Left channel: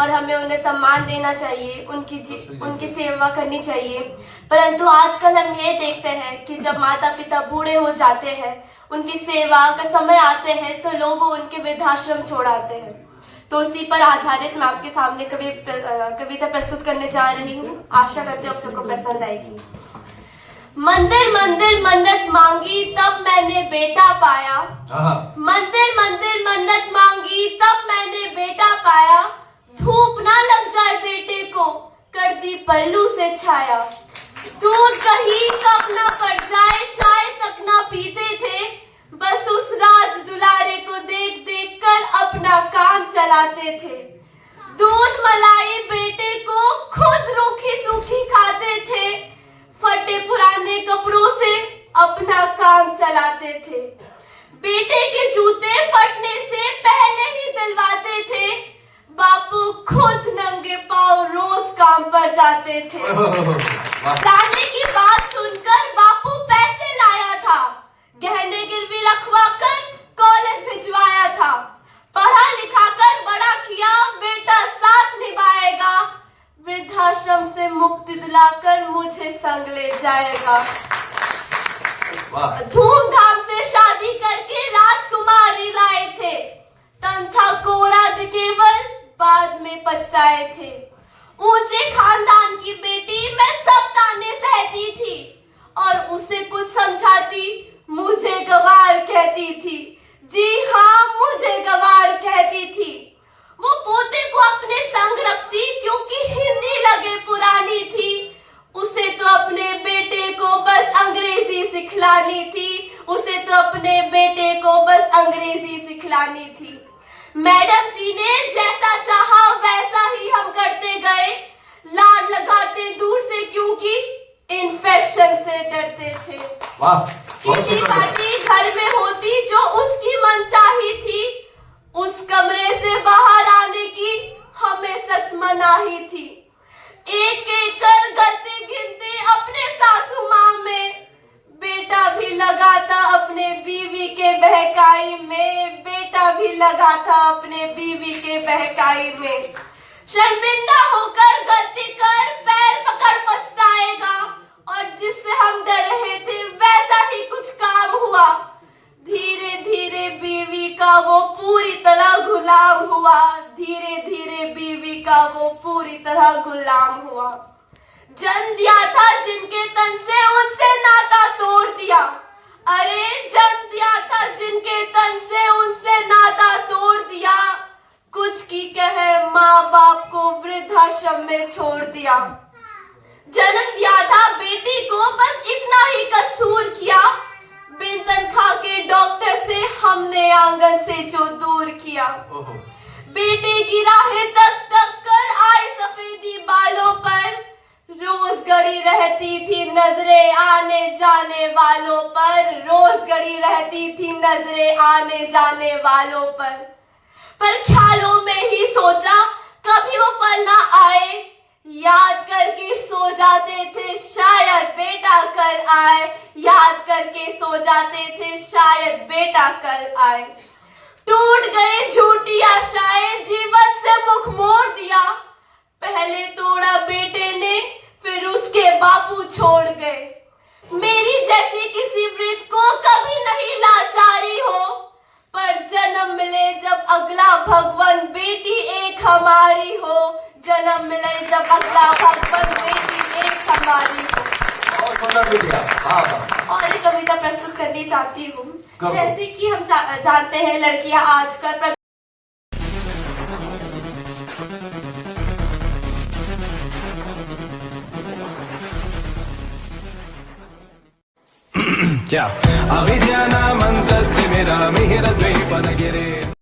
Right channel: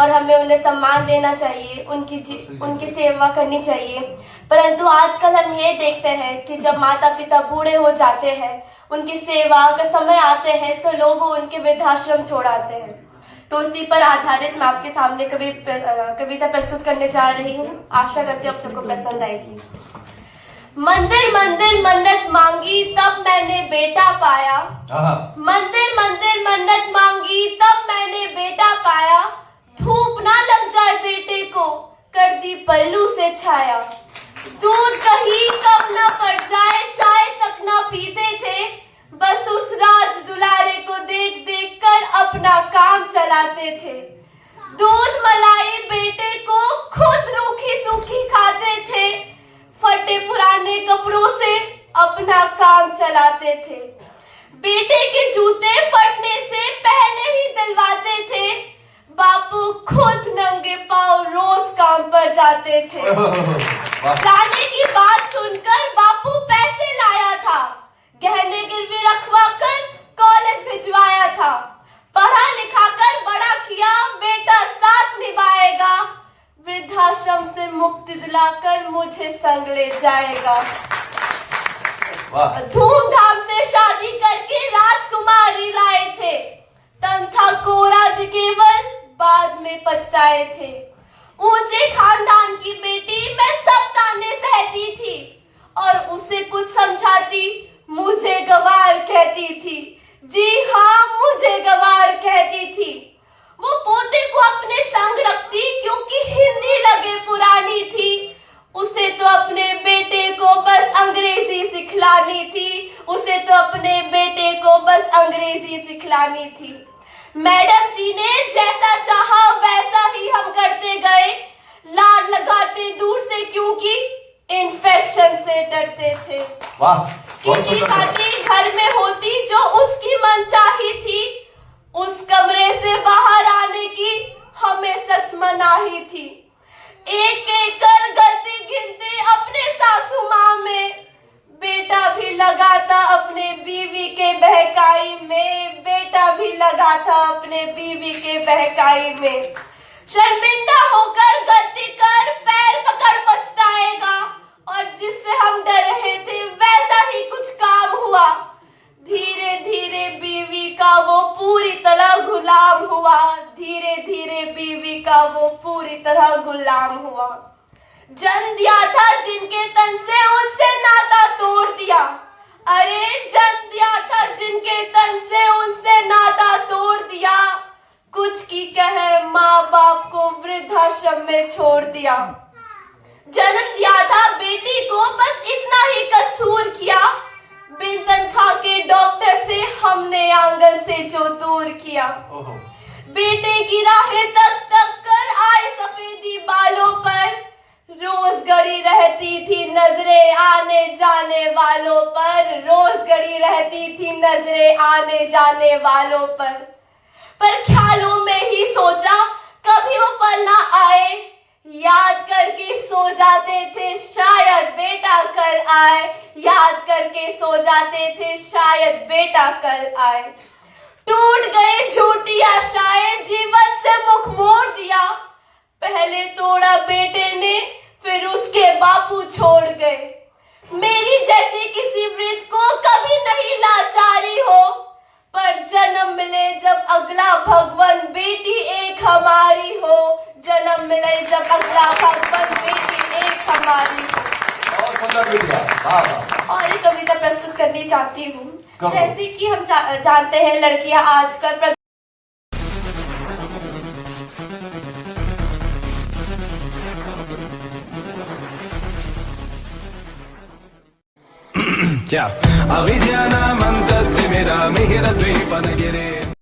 और हमें उन्हें सम्मान देना चाहिए, उनकी सेवा करनी चाहिए। परंतु आजकल हम ये देखते हैं कि जब माता पिता बूढ़े हो जाते हैं, उनकी सेवा का समय आते हैं तो लोग उनके वृद्धाश्रम छोड़ आते हैं। तो उसी पर आधारित मैं आपके सामने कविता प्रस्तुत करने जा रही हूँ। आशा करती हूँ आप सबको पसंद आएगी। मंदिर मंदिर मन्नत मांगी तब मैंने बेटा पाया। मंदिर मंदिर मन्नत मांगी तब मैंने बेटा पाया। धूप ना लग जाए बेटे को, कर दी पल्लू से छाया। दूध कहीं कब ना पड़ जाए, चाय तक ना पीते थे। बस उस राज दुलारे को देख देख कर अपना काम चलाते थे। दूध मलाई बेटे को खुद रूखी सूखी खाते थे। फटे पुराने कपड़ों से अपना काम चलाते थे। बेटे के जूते फटने से पहले ही दिलवाते थे। बापू खुद नंगे पांव रोज काम पर जाते थे। जाने की बात सुनकर बापू पैसे लाया था। गहने गिरवी रखवा कर कॉलेज भिजवाया था। पढ़ा लिखा कर बड़ा किया, बेटा साथ निभाएगा। वृद्धाश्रम से मुक्ति दिलाकर मुझे संग ले जाएगा। धूमधाम से शादी करके राजकुमारी लाए थे। तन था कोरा केवल बाद में पछताए थे। ऊंचे खानदान की बेटी मैं सब ताने सहती थी, और उसे कुछ समझाती मुझे गवार कहती थी। जी हाँ, मुझे गवार कहती थी। वो पोते को अपने संग रखती क्योंकि हिंदी लगे पुरानी थी। उसे तो अपने बेटे को बस अंग्रेजी सिखलानी थी। उसे तो अपने बेटे को बस अंग्रेजी सिखलानी थी। मैडम जी ने जैसा चाहा वैसा ही हम करते गए। लाड लगाते दूर से क्योंकि इन्फेक्शन से डरते थे। कितनी बातें घर में होती जो उसकी मनचाही थी। उस कमरे से बाहर आने की हमें सख्त मनाही थी। एक एक कर गलती गिनती अपने सासू माँ में। बेटा भी लगा था अपने बीवी के बहकाई में। बेटा भी लगा था अपने बीवी के बहकाई में। शर्मिंदा होकर गलती कर पैर पकड़ पछताएगा। और जिससे हम डर रहे थे वैसा ही कुछ काम हुआ। धीरे धीरे बीवी का वो पूरी तरह गुलाम हुआ। धीरे धीरे बीवी का वो पूरी तरह गुलाम हुआ। जन्म दिया था जिनके तन से उनसे नाता तोड़ दिया। अरे जन्म दिया था जिनके तन से उनसे नाता तोड़ दिया। कुछ की कहे माँ बाप को वृद्धाश्रम में छोड़ दिया। जन्म दिया था बेटी को बस इतना ही कसूर किया। बिन तनख्वाह के डॉक्टर से हमने आंगन से जो दूर किया। बेटे की राहें तक तक कर आए सफेदी बालों पर। रोज गड़ी रहती थी नजरें आने जाने वालों पर। रोज गड़ी रहती थी नजरें आने जाने वालों पर ख्यालों में ही सोचा कभी वो पल ना आए। याद करके सो जाते थे शायद बेटा कल आए। याद करके सो जाते थे शायद बेटा कल आए। टूट गए झूठी आशाएं, जीवन से मुख मोड़ दिया। पहले तोड़ा बेटे ने, फिर उसके बापू छोड़ गए। मेरी जैसी किसी वृद्ध को कभी नहीं लाचारी हो। पर जन्म मिले जब अगला भगवान बेटी एक हमारी हो। जन्म मिले जब अगला भगवान बेटी एक हमारी हो। और ये कविता प्रस्तुत करनी चाहती हूँ। जैसे कि हम जानते हैं लड़कियां आजकल क्या अविद्यानामन्तस्तिमिरमिहिरद्वीपनगिरे